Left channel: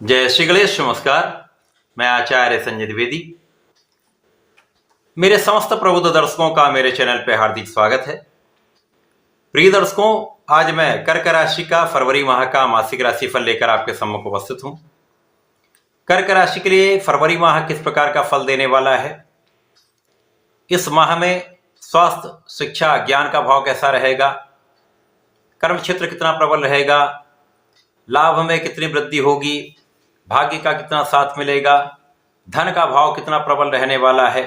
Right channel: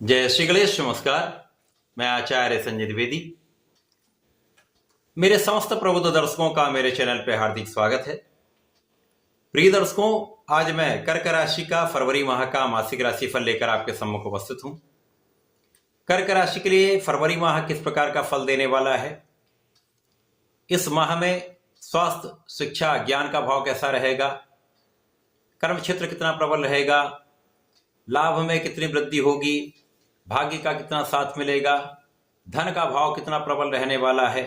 जय श्री गणेश। नमस्कार। मैं आचार्य संजय द्विवेदी। मेरे समस्त प्रबुद्ध दर्शकों का मेरे चैनल पे हार्दिक स्वागत है। प्रिय दर्शकों, आज मैं कर्क राशि का फरवरी माह का मासिक राशिफल लेकर आपके सम्मुख उपस्थित हूं। कर्क राशि के लिए फरवरी माह किस प्रकार का फल देने वाला है, इस माह में स्वास्थ्य, शिक्षा, ज्ञान का भाव कैसा रहेगा, कर्म क्षेत्र कितना प्रबल रहेगा, लाभ में कितनी वृद्धि होगी, भाग्य का कितना साथ मिलेगा, धन का भाव कितना प्रबल रहने वाला है,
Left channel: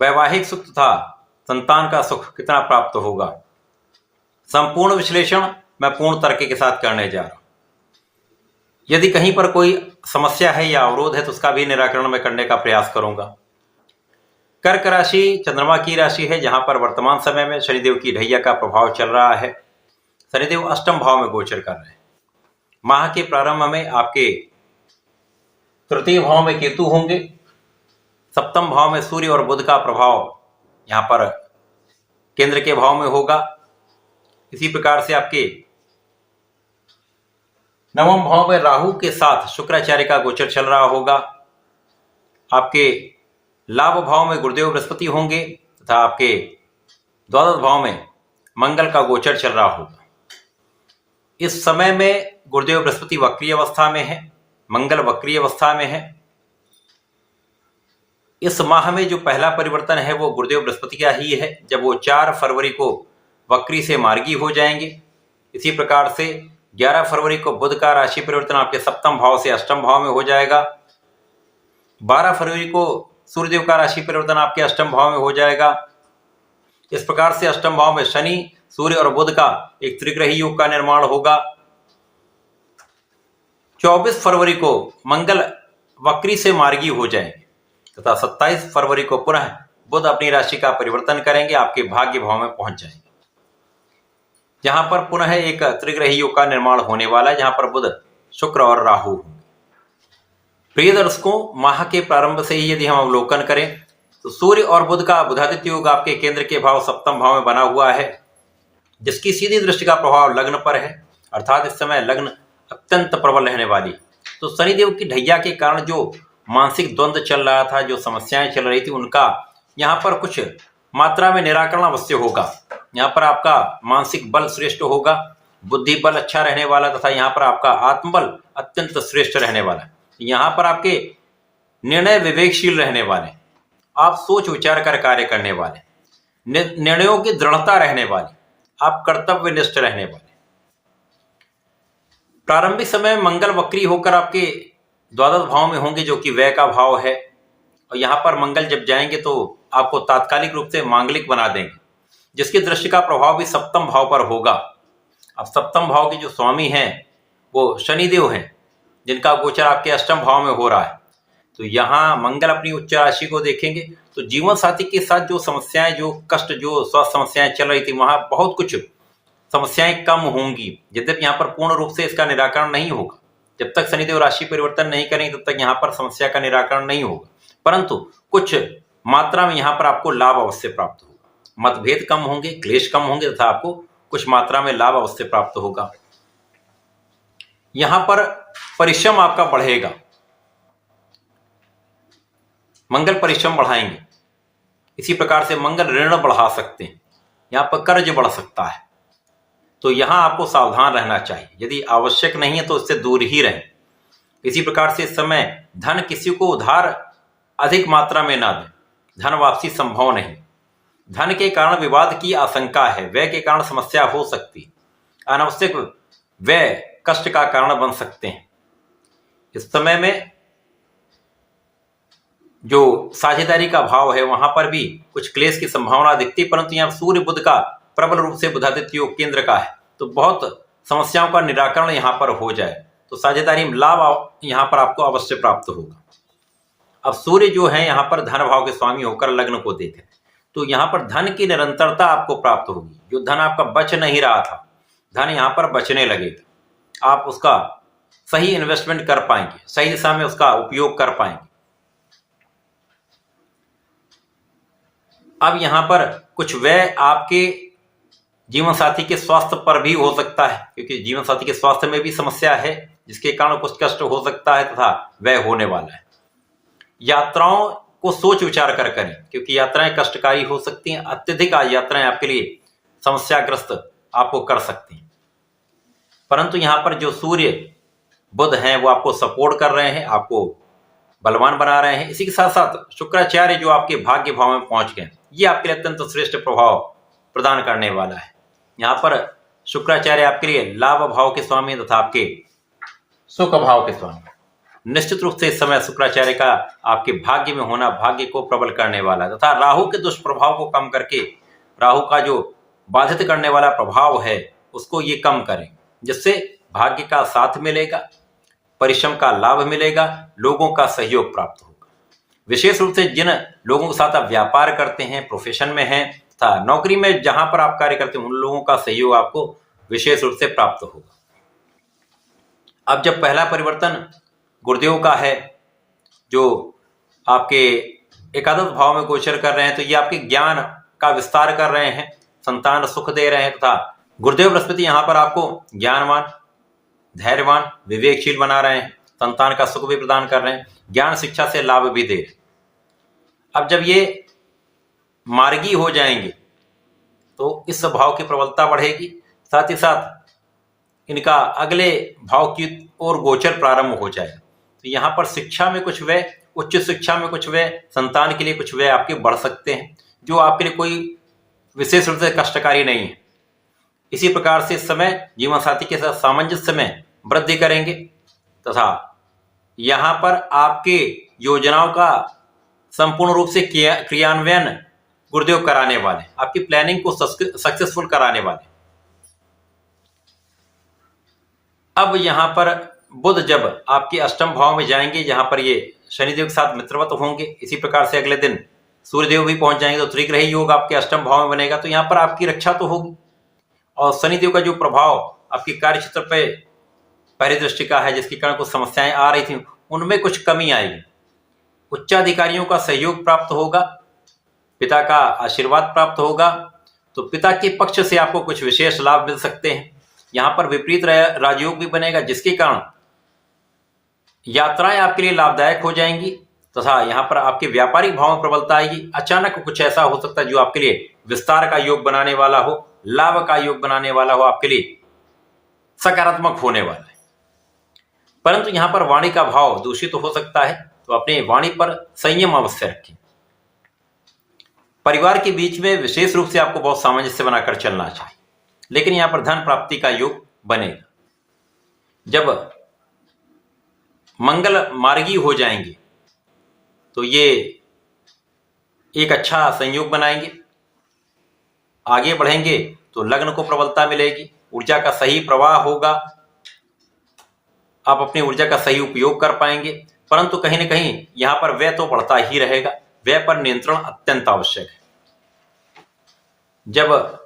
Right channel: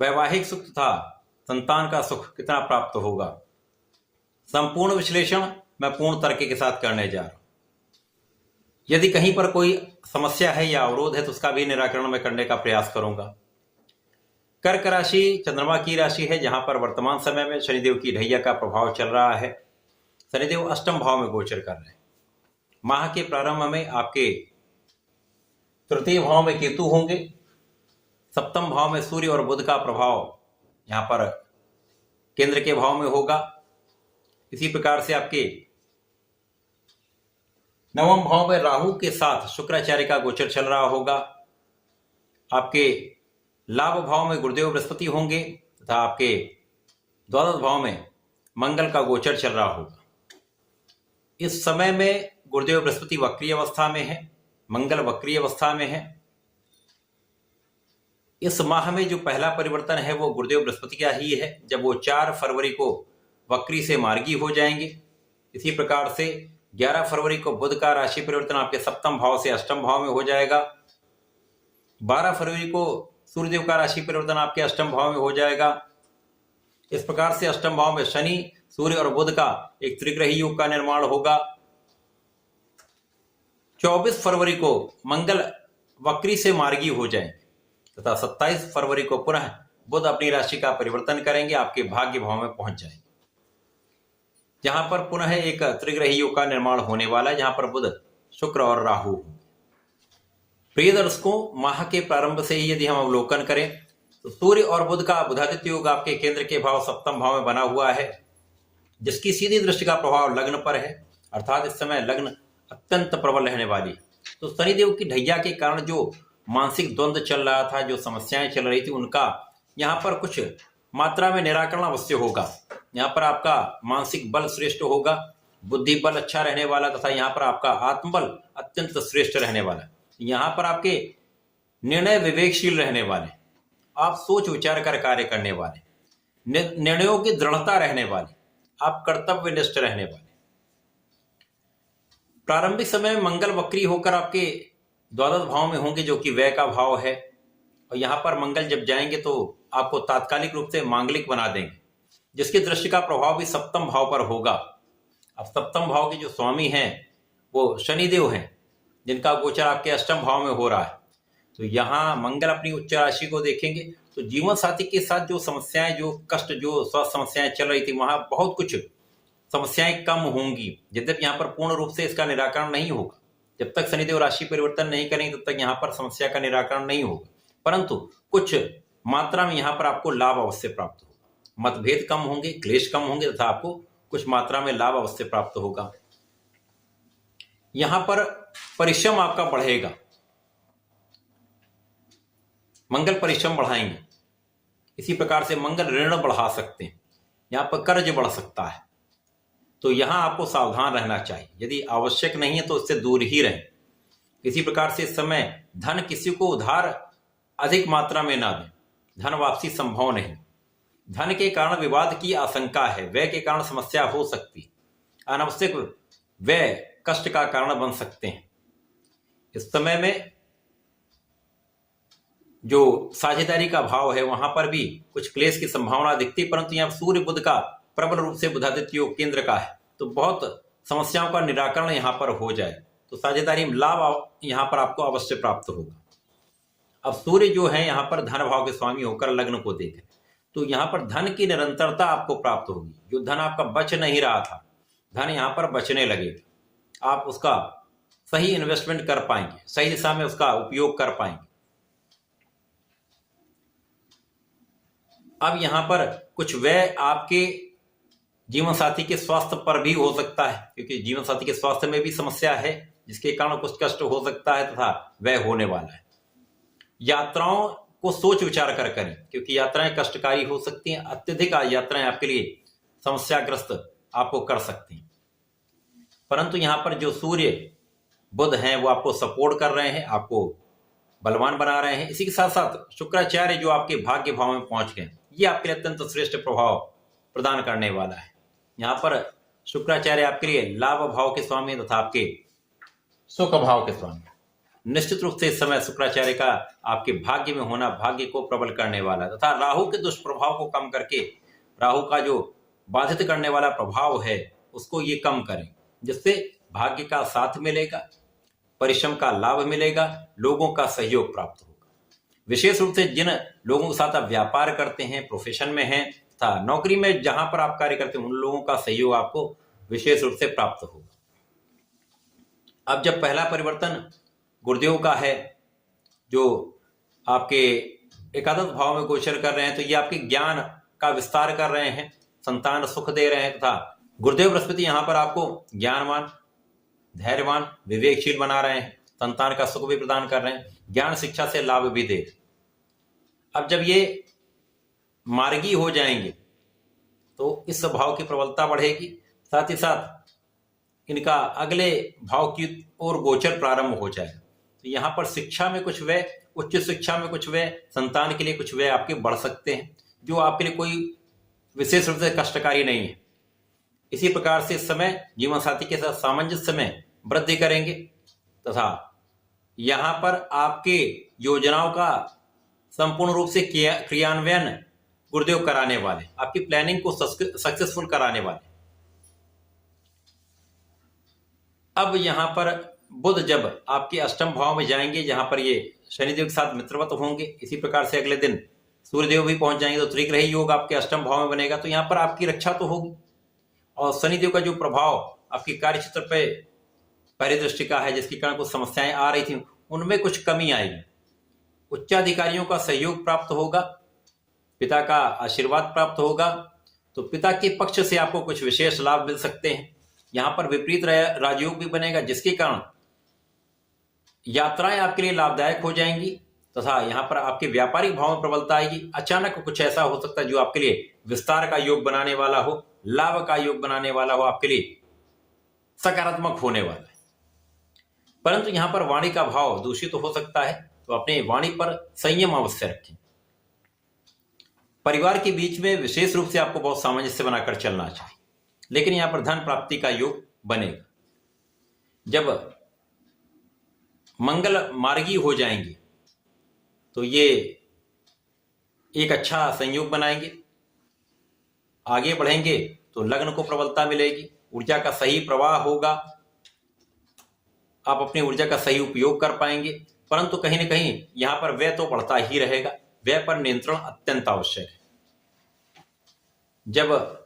वैवाहिक सुख तथा संतान का सुख कितना प्राप्त होगा, संपूर्ण विश्लेषण मैं पूर्ण तर्क के साथ करने जा रहा हूं। यदि कहीं पर कोई समस्या है या अवरोध है तो उसका भी निराकरण मैं करने का प्रयास करूंगा। कर्क राशि चंद्रमा की राशि है, जहां पर वर्तमान समय में शनिदेव की ढैया का प्रभाव चल रहा है। शनिदेव अष्टम भाव में गोचर कर रहे हैं। माह के प्रारंभ में आपके तृतीय भाव में केतु होंगे, सप्तम भाव में सूर्य और बुध का प्रभाव यहां पर केंद्र के भाव में होगा। इसी प्रकार से आपके नवम भाव में राहु के साथ शुक्राचार्य का गोचर चल रहा होगा। आपके लाभ भाव में गुरुदेव बृहस्पति होंगे तथा आपके द्वादश भाव में मंगल का गोचर चल रहा होगा। इस समय में गुरुदेव बृहस्पति वक्रीय अवस्था में है, मंगल वक्रीय अवस्था में है। इस माह में जो पहला परिवर्तन है वो गुरुदेव बृहस्पति का ही है, जब वो 4 फरवरी को वक्री से मार्गी हो जाएंगे। इसी प्रकार से 11 फरवरी को बुध का राशि परिवर्तन आपके सप्तम भाव से अष्टम भाव में हो जाएगा। 12 फरवरी को सूर्यदेव का राशि परिवर्तन आपके अष्टम भाव में हो जाएगा। इस प्रकार से अष्टम भाव में शनि, सूर्य और बुध का एक त्रिग्रही योग का निर्माण होगा। 24 फरवरी को मंगल वक्री से मार्गी हो जाएंगे तथा 27 फरवरी को पुनः बुध अपनी राशि का परिवर्तन करेंगे, आपके भाग्य भाव में पहुंच जाएंगे, जहां पर पुनः एक त्रिग्रही योग का निर्माण होने वाला है, जहां पर बुध, शुक्र और राहु होंगे। प्रिय दर्शकों, माह के प्रारंभ से ही यदि हम अवलोकन करें तो सूर्य और बुध का बुधादित्य योग आपके केंद्र के भाव सप्तम भाव में बना हुआ है, जिसकी सीधी दृष्टि का प्रभाव लग्न पर है। अर्थात इस समय लग्न अत्यंत प्रबल रहने वाली। तो शनिदेव की ढैया के कारण जो मानसिक द्वंद्व चल रहा था, जो समस्याएं चल रही थी, उनका यहाँ पर कुछ मात्रा में निराकरण अवश्य होगा। यहाँ पर आपका मानसिक बल श्रेष्ठ होगा, बुद्धि बल अच्छा रहने वाला तथा यहाँ पर आपका आत्मबल अत्यंत श्रेष्ठ रहने वाला है। यहाँ पर आपके निर्णय विवेकशील रहने वाले, आप सोच विचार कर कार्य करने वाले, निर्णयों की दृढ़ता रहने वाली, आप कर्तव्यनिष्ठ रहने वाले। प्रारंभिक समय में मंगल वक्री होकर आपके द्वादश भाव में होंगे, जो कि व्यय का भाव है, और यहाँ पर मंगल जब जाएंगे तो आपको तात्कालिक रूप से मांगलिक बना देंगे, जिसकी दृष्टि का प्रभाव भी सप्तम भाव पर होगा। अब सप्तम भाव के जो स्वामी हैं वो शनिदेव हैं, जिनका गोचर आपके अष्टम भाव में हो रहा है। तो यहाँ मंगल अपनी उच्च राशि को देखेंगे तो जीवन साथी के साथ जो समस्याएं, जो कष्ट, जो स्वास्थ्य समस्याएं चल रही थी, वहां बहुत कुछ समस्याएं कम होंगी। यद्यपि यहाँ पर पूर्ण रूप से इसका निराकरण नहीं होगा, जब तक शनिदेव राशि परिवर्तन नहीं करेंगे तब तक यहाँ पर समस्या का निराकरण नहीं होगा, परंतु कुछ मात्रा में यहाँ पर आपको लाभ अवश्य प्राप्त होगा। मतभेद कम होंगे, क्लेश कम होंगे तथा आपको कुछ मात्रा में लाभ अवश्य प्राप्त होगा। यहाँ पर परिश्रम आपका बढ़ेगा, मंगल परिश्रम बढ़ाएंगे। इसी प्रकार से मंगल ऋण बढ़ा सकते हैं, यहाँ पर कर्ज बढ़ सकता है, तो यहां आपको सावधान रहना चाहिए। यदि आवश्यक नहीं है तो उससे दूर ही रहें। इसी प्रकार से इस समय धन किसी को उधार अधिक मात्रा में ना दें, धन वापसी संभव नहीं। धन के कारण विवाद की आशंका है, व्यय के कारण समस्या हो सकती, अनावश्यक व्यय कष्ट का कारण बन सकते हैं। इस समय में जो साझेदारी का भाव है वहां पर भी कुछ क्लेश की संभावना दिखती, परंतु यहाँ सूर्य बुध का प्रबल रूप से बुधादित्य योग केंद्र का है, तो बहुत समस्याओं का निराकरण यहाँ पर हो जाए, तो साझेदारी में लाभ यहाँ पर आपको अवश्य प्राप्त होगा। अब सूर्य जो है यहाँ पर धन भाव के स्वामी होकर लग्न को देख रहे, तो यहाँ पर धन की निरंतरता आपको प्राप्त होगी। जो धन आपका बच नहीं रहा था, धन यहाँ पर बचने लगेगा, आप उसका सही इन्वेस्टमेंट कर पाएंगे, सही दिशा में उसका उपयोग कर पाएंगे। अब यहाँ पर कुछ व्यय आपके जीवन साथी के स्वास्थ्य पर भी हो सकता है, क्योंकि जीवन साथी के स्वास्थ्य में भी समस्या है जिसके कारण कुछ कष्ट हो सकता है तथा वह होने वाला है। यात्राओं को सोच विचार कर करें, क्योंकि यात्राएं कष्टकारी हो सकती हैं। अत्यधिक यात्राएं आपके लिए समस्याग्रस्त आपको कर सकती हैं। परंतु यहाँ पर जो सूर्य बुध हैं वो आपको सपोर्ट कर रहे हैं, आपको बलवान बना रहे हैं। इसी के साथ साथ शुक्राचार्य जो आपके भाग्य भाव में पहुंच गए, ये आपके लिए अत्यंत श्रेष्ठ प्रभाव प्रदान करने वाला है। यहाँ पर शुक्राचार्य आपके लिए लाभ भाव के स्वामी तथा आपके सुख भाव के स्वामी। निश्चित रूप से इस समय शुक्राचार्य का आपके भाग्य में होना भाग्य को प्रबल करने वाला है तथा राहु के दुष्प्रभाव को कम करके, राहु का जो बाधित करने वाला प्रभाव है उसको ये कम करें, जिससे भाग्य का साथ मिलेगा, परिश्रम का लाभ मिलेगा, लोगों का सहयोग प्राप्त होगा। विशेष रूप से जिन लोगों के साथ आप व्यापार करते हैं, प्रोफेशन में हैं तथा नौकरी में जहां पर आप कार्य करते हैं, उन लोगों का सहयोग आपको विशेष रूप से प्राप्त होगा। अब जब पहला परिवर्तन गुरुदेव का है जो आपके एकादश भाव में गोचर कर रहे हैं, तो ये आपके ज्ञान का विस्तार कर रहे हैं, संतान सुख दे रहे हैं तथा गुरुदेव बृहस्पति यहाँ पर आपको ज्ञानवान, धैर्यवान, विवेकशील बना रहे हैं, संतान का सुख भी प्रदान कर रहे हैं, ज्ञान शिक्षा से लाभ भी दे रहे हैं। अब जब ये मार्गी हो जाएंगे तो इस भाव की प्रबलता बढ़ेगी, साथ ही साथ इनका अगले भाव की ओर गोचर प्रारंभ हो जाएगा। तो यहाँ पर शिक्षा में कुछ व्यय, उच्च शिक्षा में कुछ व्यय, संतान के लिए कुछ व्यय आपके बढ़ सकते हैं, जो आपके लिए कोई विशेष रूप से कष्टकारी नहीं है। इसी प्रकार से इस समय जीवन साथी के साथ सामंजस्य में वृद्धि करेंगे तथा यहाँ पर आपके योजनाओं का संपूर्ण रूप से क्रियान्वयन गुरुदेव कराने वाले, आपकी प्लानिंग को सक्सेसफुल कराने वाले। अब यहाँ पर बुध जब आपके अष्टम भाव में जाएंगे, जहां पर ये शनिदेव के साथ मित्रवत होंगे, इसी प्रकार से अगले दिन सूर्यदेव भी पहुंच जाएंगे, तो त्रिग्रही योग आपके अष्टम भाव में बनेगा। तो यहाँ पर आपकी रक्षा तो होगी और शनिदेव का जो प्रभाव आपके कार्य क्षेत्र पे पहली दृष्टि का है, जिसके कारण कुछ समस्याएं आ रही थी, उनमें कुछ कमी आएगी। उच्चाधिकारियों का सहयोग प्राप्त होगा, पिता का आशीर्वाद प्राप्त होगा, तो पिता के पक्ष से आपको कुछ विशेष लाभ मिल सकते हैं। यहाँ पर विपरीत राजयोग भी बनेगा, जिसके कारण यात्राएं आपके लिए लाभदायक हो जाएंगी तथा यहाँ पर आपके व्यापारिक भाव में प्रबलता आएगी। अचानक कुछ ऐसा हो सकता है जो आपके लिए विस्तार का योग बनाने वाला हो, लाभ का योग बनाने वाला हो, आपके लिए सकारात्मक होने वाला है। परंतु यहाँ पर वाणी का भाव दूषित हो सकता है, तो अपने वाणी पर संयम अवश्य रखें। परिवार के बीच में विशेष रूप से आपको बहुत सामंजस्य बनाकर चलना चाहिए, लेकिन यहाँ पर धन प्राप्ति का योग बनेगा। जब मंगल मार्गी हो जाएंगे तो ये एक अच्छा संयोग बनाएंगे, आगे बढ़ेंगे तो लग्न को प्रबलता मिलेगी, ऊर्जा का सही प्रवाह होगा, आप अपनी ऊर्जा का सही उपयोग कर पाएंगे। परंतु कहीं ना कहीं यहां पर व्यय तो बढ़ता ही रहेगा, व्यय पर नियंत्रण अत्यंत आवश्यक है। जब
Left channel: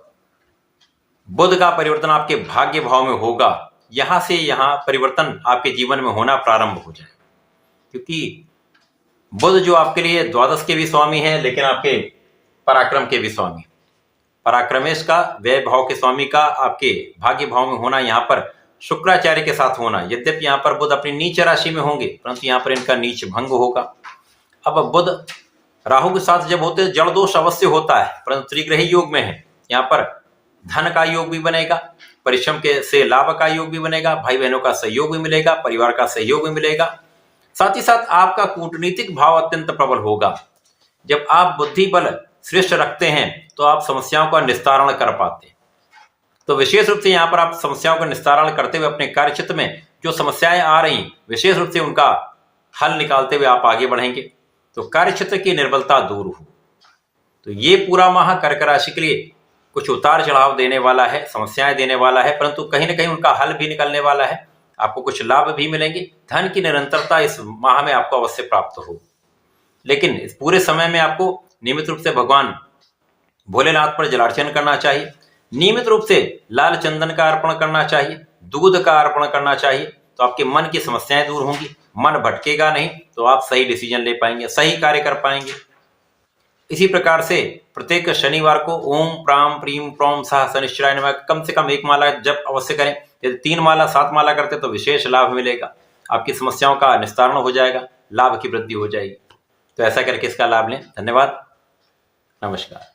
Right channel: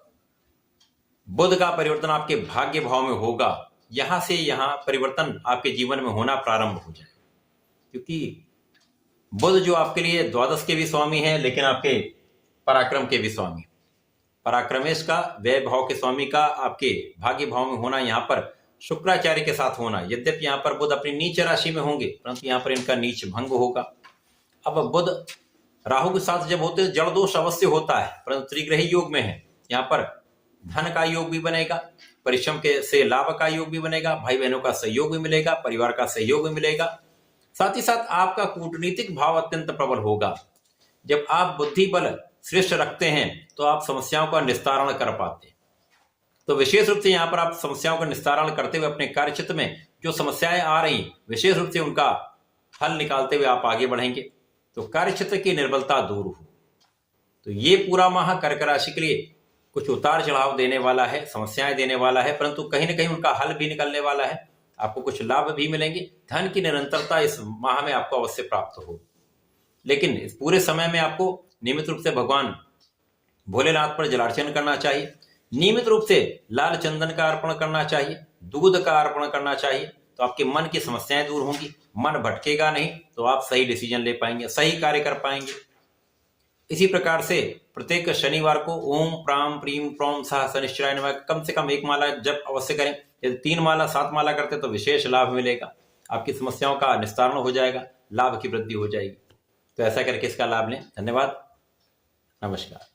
बुध का परिवर्तन आपके भाग्य भाव में होगा, यहां से यहां परिवर्तन आपके जीवन में होना प्रारंभ हो जाएगा, क्योंकि बुध जो आपके लिए द्वादश के भी स्वामी हैं, लेकिन आपके पराक्रम के भी स्वामी, पराक्रमेश का, व्यय भाव के स्वामी का आपके भाग्य भाव में होना, यहाँ पर शुक्राचार्य के साथ होना। यद्यपि यहाँ पर बुध अपनी नीच राशि में होंगे, परंतु यहाँ पर इनका नीच भंग होगा। अब बुध राहु के साथ जब होते जड़ दोष अवश्य होता है, परंतु त्रिग्रही योग में है, यहाँ पर धन का योग भी बनेगा, परिश्रम के से लाभ का योग भी बनेगा, भाई बहनों का सहयोग भी मिलेगा, परिवार का सहयोग भी मिलेगा। साथ ही साथ आपका कूटनीतिक भाव अत्यंत प्रबल होगा। जब आप बुद्धि बल श्रेष्ठ रखते हैं तो आप समस्याओं का निस्तारण कर पाते हैं। तो विशेष रूप से यहाँ पर आप समस्याओं का निस्तारण करते हुए अपने कार्य क्षेत्र में जो समस्याएं आ रही, विशेष रूप से उनका हल निकालते हुए आप आगे बढ़ेंगे, तो कार्य क्षेत्र की निर्बलता दूर हो। तो ये पूरा माह कर्क राशि के लिए कुछ उतार चढ़ाव देने वाला है, समस्याएं देने वाला है, परंतु कहीं ना कहीं उनका हल भी निकलने वाला है, आपको कुछ लाभ भी मिलेंगे। धन की निरंतरता इस माह में आपको अवश्य प्राप्त हो। लेकिन इस पूरे समय में आपको नियमित रूप से भगवान भोलेनाथ पर जलार्चन करना चाहिए, नियमित रूप से लाल चंदन का अर्पण करना चाहिए, दूध का अर्पण करना चाहिए, तो आपके मन की समस्याएं दूर होंगी, मन भटकेगा नहीं, तो आप सही डिसीजन ले पाएंगे, सही कार्य कर पाएंगे। इसी प्रकार से प्रत्येक शनिवार को ओम प्राम प्रीम प्रोम सह शनिश्चराय नमः कम से कम 1 माला जप अवश्य करें। यदि 3 माला 7 माला करते तो विशेष लाभ मिलेगा, आपकी समस्याओं का निस्तारण हो जाएगा, लाभ की वृद्धि हो जाएगी। तो ऐसा करके इसका लाभ लें। धन्यवाद, नमस्कार।